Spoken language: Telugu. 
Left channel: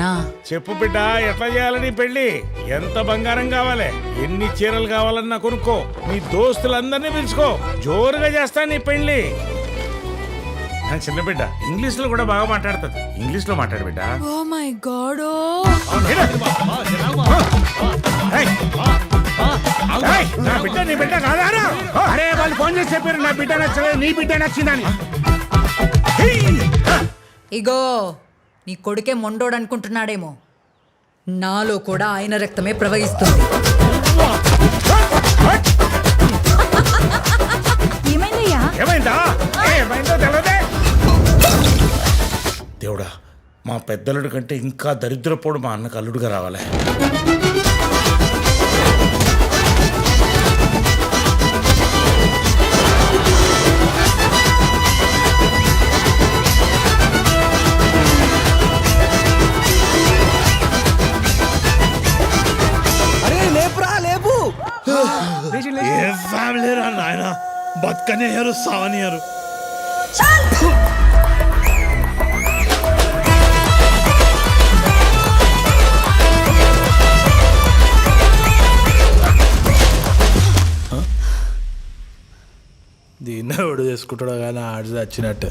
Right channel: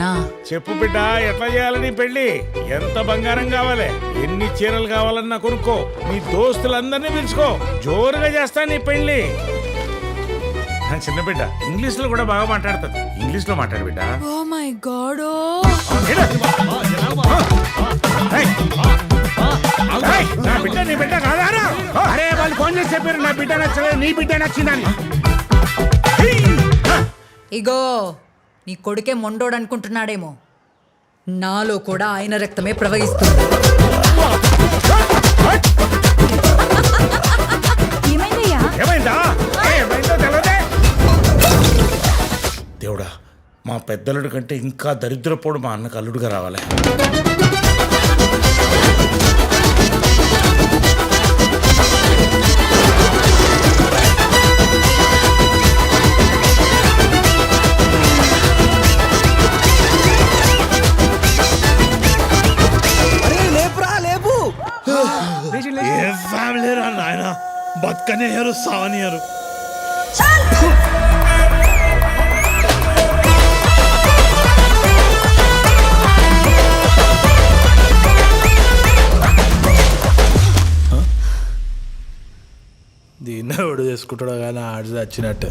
నానా. చెప్పు బిడ్డ, ఎట్లా చేయాలని పెళ్లి? ఎంత బంగారం కావాలి, ఎన్ని చీరలు కావాలన్నా కొనుక్కో, నీ దోస్తులందరినీ పిలుచుకో, జోరుగా చేస్తా నీ పెళ్లి. నా చిన్న బిడ్డ ఇంగ్లీష్ లో కూడా బాగా మాట్లాడుతుంది, ఇంగ్లీష్ లో మాట్లాడు బిడ్డ. Oh my God. నా బిడ్డ నీ బిడ్డ కాదారా? అరే వాళ్ళు ఫోన్ చేసి చెప్పారు నా బిడ్డ నచ్చలేదు, నీ బిడ్డ నచ్చిందని. ఇగో నీ కొడుకే మొండోడు అనుకుంటున్నాడేమో, నాలో కూడా ఆయన రక్తమే ప్రవహిస్తుంది. ఏమైందయ్యా? ఏమైందో తెలియదే. దేవుడా, మా పెద్దలుడి కంటే ఇంకా దరిద్రపోడు మా అన్నకు అల్లుడుగా రావాలి. అరే లేపురా లేపు. ఏ ఫ్యామిలీ రా నాయన, బతకనియరు సావనియరు. దీన్ని ఎవడు చేసుకుంటాడో కానీ ఆడి వచ్చినట్టు.